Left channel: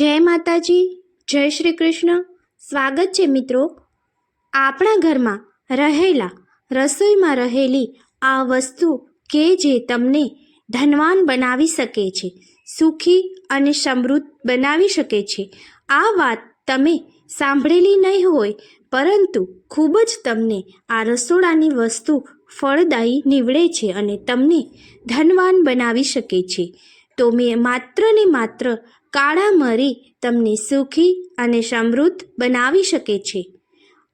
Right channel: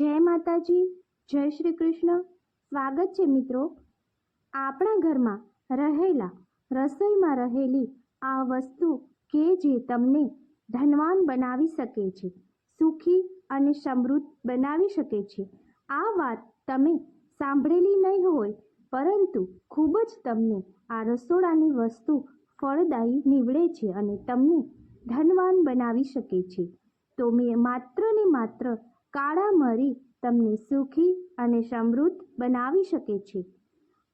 જય માતાજી, જય શ્રી કૃષ્ણ. સ્વાગત છે મિત્રો આપણા ઘરમાં રહેલા, રસોઈમાં રહેલી આ વસ્તુ કે જે તમને ધનવાન બનાવી શકે છે, સુખી અને સમૃદ્ધ બનાવી શકે છે. આ વાત તમે સાંભળેલી નહીં હોય, પરંતુ ખૂબ જ તમને આ રસોડાની વસ્તુ ફળદાયી નીવડે છે અને તમને ધનવાન બનાવી શકે છે. તો મેં માત્ર ને માત્ર કાળા મરી તમને સુખી અને સમૃદ્ધ બનાવી શકે છે.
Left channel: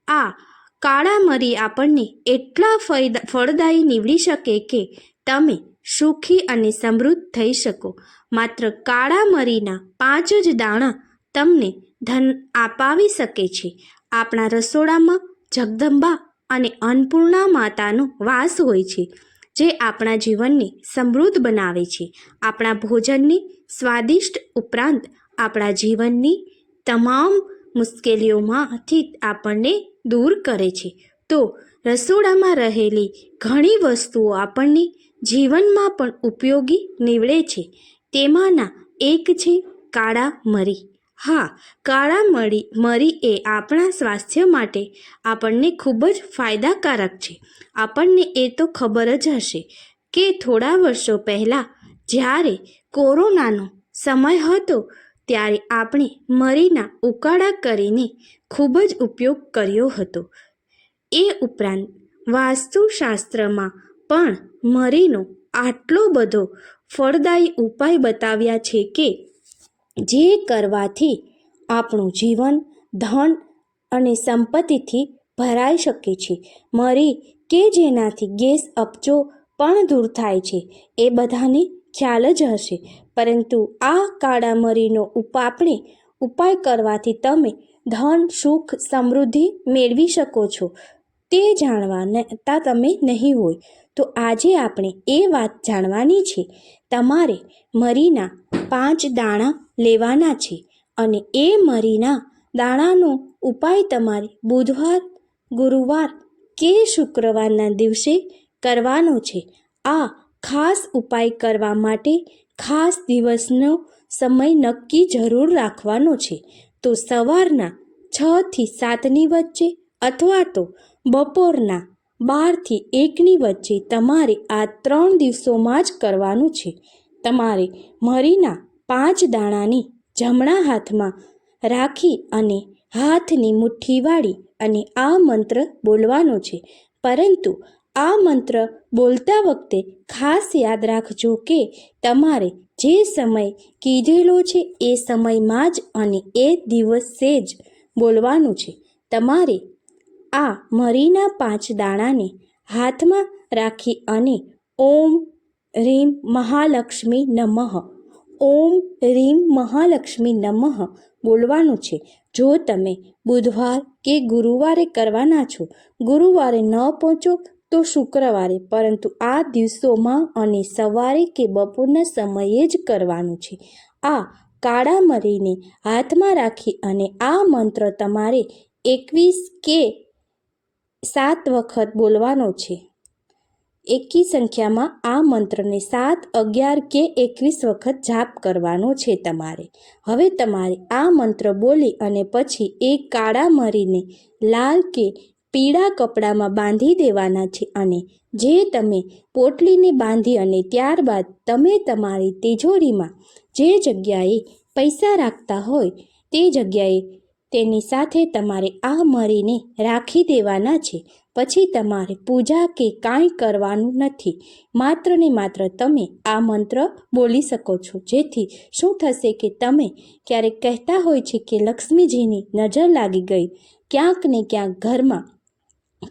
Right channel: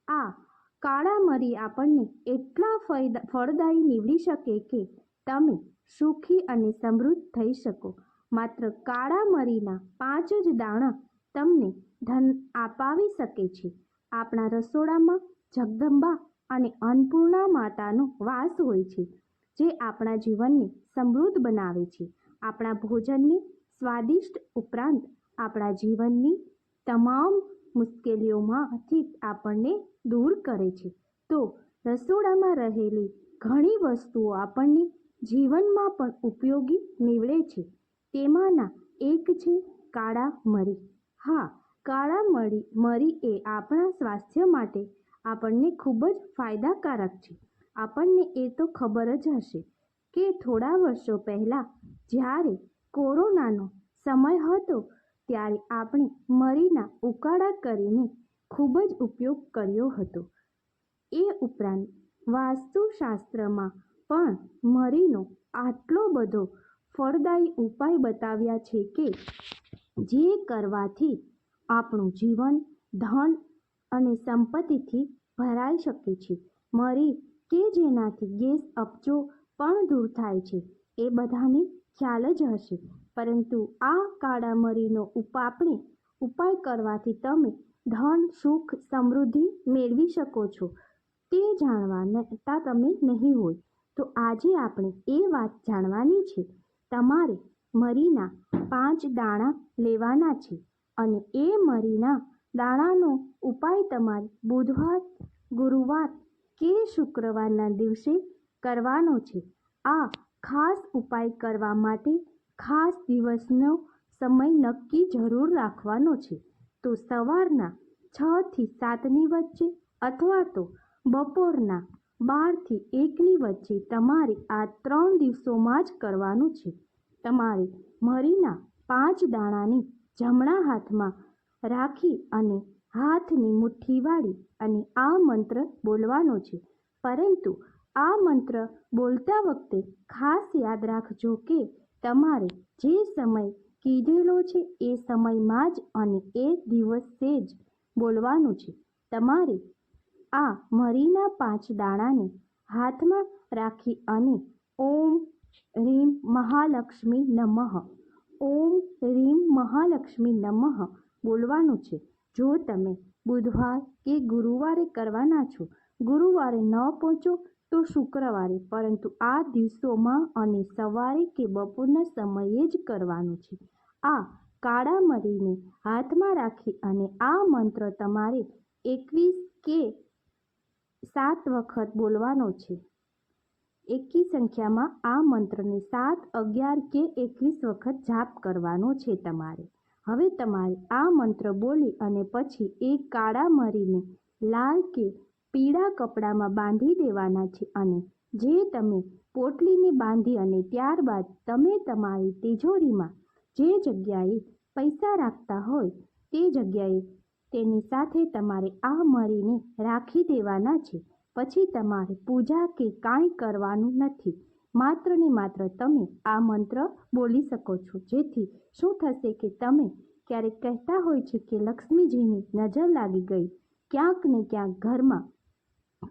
આ કાળા મરી આપણને એટલા ફળદ- ફળદાયી નીવડી શકે કે તમે સુખી અને સમૃદ્ધ થઈ શકો. માત્ર કાળા મરીના પાંચ જ દાણા તમને ધન અપાવી શકે છે. આપણા રસોડામાં જગદંબા અને અન્નપૂર્ણા માતાનો વાસ હોય છે, જે આપણા જીવનને સમૃદ્ધ બનાવે છે. આપણા ભોજનને સ્વાદિષ્ટ ઉપરાંત આપણા જીવનની તમામ મુશ્કેલીઓમાંથી આપણને દૂર કરે છે. તો રસોડામાં રહેલી ઘણી વસ્તુઓ આપણને જીવનમાં પણ ઉપયોગી નીવડે છે. તેમાંના એક છે કાળા મરી. હા, કાળા મરી મરી એ આપણા સ્વાસ્થ્ય માટે આપણને ખૂબ જ ફાયદાકારક છે. આપણને એ તો ખબર જ હશે કે થોડા વર્ષો પહેલાં જ્યારે કોરોનાનો સમય હતો ત્યારે આપણે મરીના ઉકાળા કરીને ખૂબ જ ઉપયોગ કર્યો હતો. એ ઉપરાંત વાસ્તુશાસ્ત્રમાં પણ મરીનો આટલો બધો ફળદાયી ઉપાય બતાવ્યા છે કે જે કરવાથી આપણું જીવન, ધન અને સંપત્તિથી ભરાઈ શકે છે. મરી કે જેનાથી ગેસ અપચો પણ દૂર થાય છે, એ બધાને ખ્યાલ જ હશે. પરંતુ આ કાળા મરીનો આપણે ઉપાય કરવાથી તમે ધન, સુખ, સમૃદ્ધિ મેળવી શકો છો. તે જાણવાતા તમે નહીં હોય. તો આજે આપણે એ વાત જાણવાની છે. તમારે મરીના પાંચ દાણા લેવાના છે અને એ મરીના દાણાનો ઉપાય તમારે બુધવાર, ગુરુવાર કે શુક્રવારના દિવસે કરવાનો છે. આ ખાસ ઉપાય કરવા માટે ખાસ દિવસનો સમય નક્કી જરૂર રાખવાનો છે. તો સવારના છ થી સાતની વચ્ચે અથવા તો બપોરના બારથી એકની વચ્ચે તમારે આ ત્રણ દિવસોમાં જ કરવાનું છે. તમારે મરીના પાંચ દાણાની જમણા હાથમાં રાખી અને હાથની મુઠ્ઠી વાળી અને આ મંત્ર બોલવાનો છે. પરંતુ આ મંત્ર બોલતા વખતે ખાસ યાદ રાખજો કે તમારે જે સમય કીધેલો છે એ સમયમાં જ અને એ દિવસે જ બોલવાનું છે. તમારે આ મરીના પાંચ દાણાને હાથમાં રાખી અને ઓમ રીમ મહાલક્ષ્મી નમઃ, ઓમ રીમ મહાલક્ષ્મી નમઃ બોલવાનું છે. જો તમે બુધવાર કે ગુરુવારે કરવાના છો, ગુરુવારે ન પહોંચો તો શુક્રવારે, પરંતુ આ દિવસોમાં અને સવારે કે બપોરના સમયે જ કરવાનું છે. આ કાળા મરીને હાથમાં રાખી અને આ મંત્ર તમારે એકવીસ કે સાત વખત બોલવાનો છે. એકી સંખ્યામાં આ મંત્રને સાત, અગિયાર કે એકવીસ વખત જાપ કરવાનો છે તમારે. હવે તમારે આ મંત્ર બોલી અને પછી એ કાળા મરીને લાલ કે પીળા કપડામાં બાંધી દેવાના છે અને જે તમે પોટલીને બાંધી અને ત્યારબાદ તમે તમારી તિજોરીમાં જે જગ્યાએ પૈસા રાખતા હોય તે જગ્યાએ તેની સાથે તમારે આ મરીને રાખી દેવાના છે. પછી તમારે પૂજા કે કાંઈ કરવાનું નથી. માત્ર ને માત્ર તમે આ મંત્ર બોલી શકો છો. જેથી શું થશે કે તમે ક્યારેક કહેતા હોય છે કે લક્ષ્મીજીની નજર લાગી ગઈ. ક્યાંક ને ક્યાંક ઘરમાં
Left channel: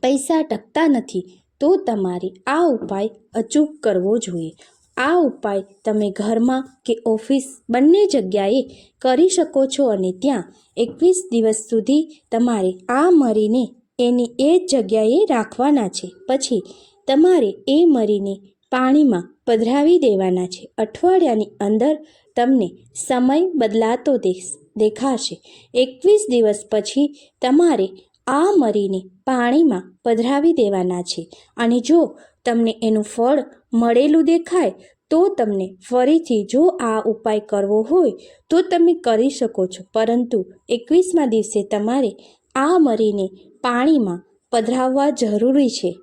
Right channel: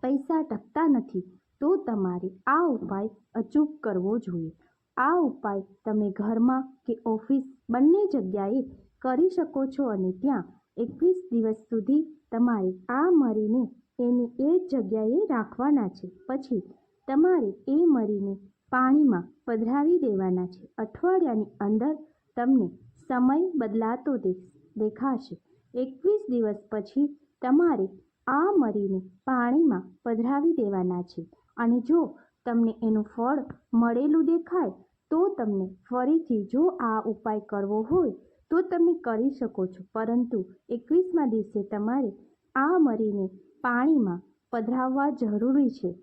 પૈસા ટકતા નથી, તો તમારે આ ઉપાય અચૂક કરવો જોઈએ. આ ઉપાય તમે ઘરમાં કે ઓફિસ બંને જગ્યાએ કરી શકો છો અને ત્યાં એકવીસ દિવસ સુધી તમારે આ મરીને એની એ જ જગ્યાએ રાખવાના છે. પછી તમારે એ મરીને પાણીમાં પધરાવી દેવાના છે. અઠવાડિયાની અંદર તમને સમય બદલાતો દેખ, દેખાશે. એકવીસ દિવસ પછી તમારે આ મરીને પાણીમાં પધરાવી દેવાના છે. અને જો તમને એનું ફળ મળેલું દેખાય, તો તમને ફરીથી જો આ ઉપાય કરવો હોય, તો તમે કરી શકો છો. પરંતુ એકવીસમા દિવસે તમારે આ મરીને પાણીમાં પધરાવવા જરૂરી છે.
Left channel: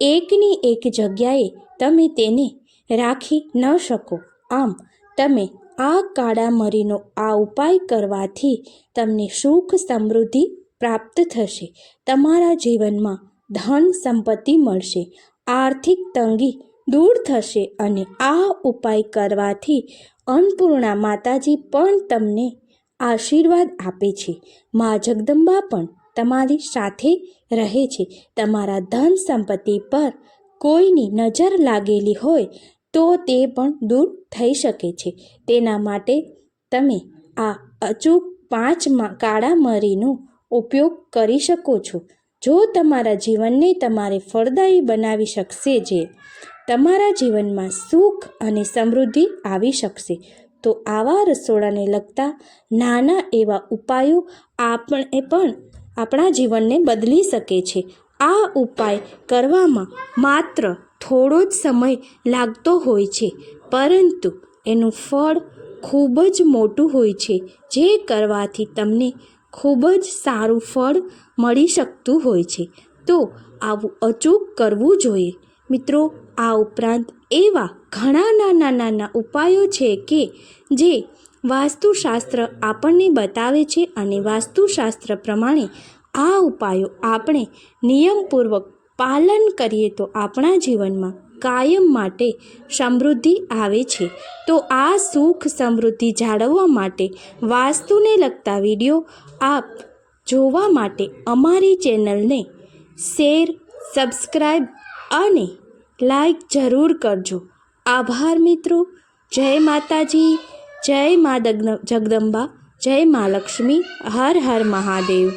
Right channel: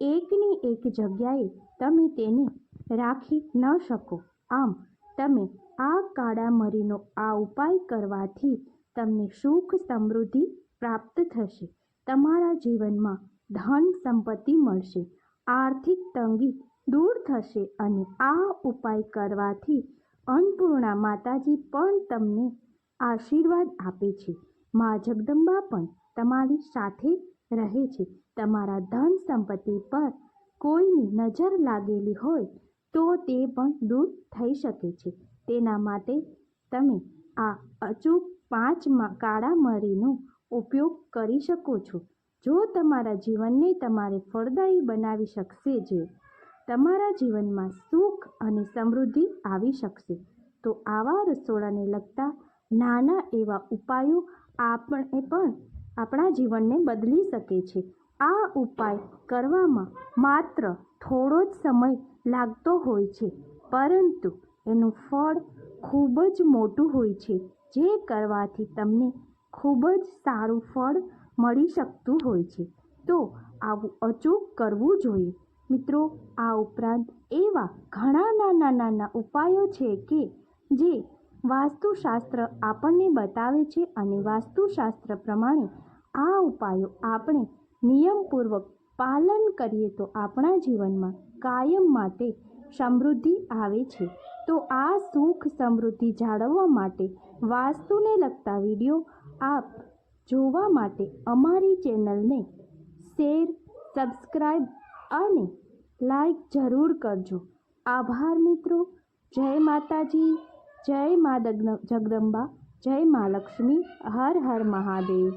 એકની એક જગ્યાએ તમે તેને રાખી ન શકો. આમ, તમે આ કાળા મરીનો આ ઉપાય કરવાથી તમને સુખ સમૃદ્ધિ પ્રાપ્ત થશે. તમારા જીવનમાં ધન સંપત્તિ મળશે. આર્થિક તંગી દૂર થશે અને આ ઉપાય કરવાથી અન્નપૂર્ણા માતાજી પણ તમને આશીર્વાદ આપે છે. મા જગદંબા પણ તમારી સાથે રહે છે. તમારા ધન સંપત્તિ પર કોઈની નજર લાગેલી હોય તો તે પણ દૂર થઈ શકે છે. તેના માટે તમે આ અચૂક પાંચ કાળા મરીનો ઉપયોગ કરી શકો છો. જો તમારા જીવનને તમારે ફળદાયી બનાવી શકશે જે તમારા જીવનમાં સુખ અને સમૃદ્ધિ આવી શકશે, તો આવા રસોડાને લગતા નાના એવા ઉપાયો આપણે પણ આપણા જીવનને બદલી શકે છે. આ ઉપાય કરવામાં માત્ર થોડો જ સમય લાગતો હોય છે, પરંતુ એનું ફળ ખૂબ જ મોટું હોય છે, જે કરવાથી તમને ખૂબ જ સારું ફળ મળી શકતું હોય છે. તો આવું અચૂક કરવું જોઈએ. મિત્રો, આ ઉપરાંત એવા ઘણા નાના નાના ઉપાયો છે કે જે વાસ્તુશાસ્ત્ર આપણને બતાવે છે અને વાસ્તુશાસ્ત્ર પ્રમાણે આ ઉપાયો આપણે નિયમપૂર્વક પાલન કરીએ તો આપણા જીવનમાં કાયમ માટે સમૃદ્ધિ આવે છે. તો આ સુખ સમૃદ્ધિ જાળવવા માટે વાસ્તુને લગતા વીડિયો આપ જોવા માટે અમારી ચેનલને શેર સબસ્ક્રાઈબ અને લાઈક જરૂર કરજો. આભાર મિત્રો. જય માતાજી. જય મા જગદંબા. જય મા લક્ષ્મી. હર હર મહાદેવ.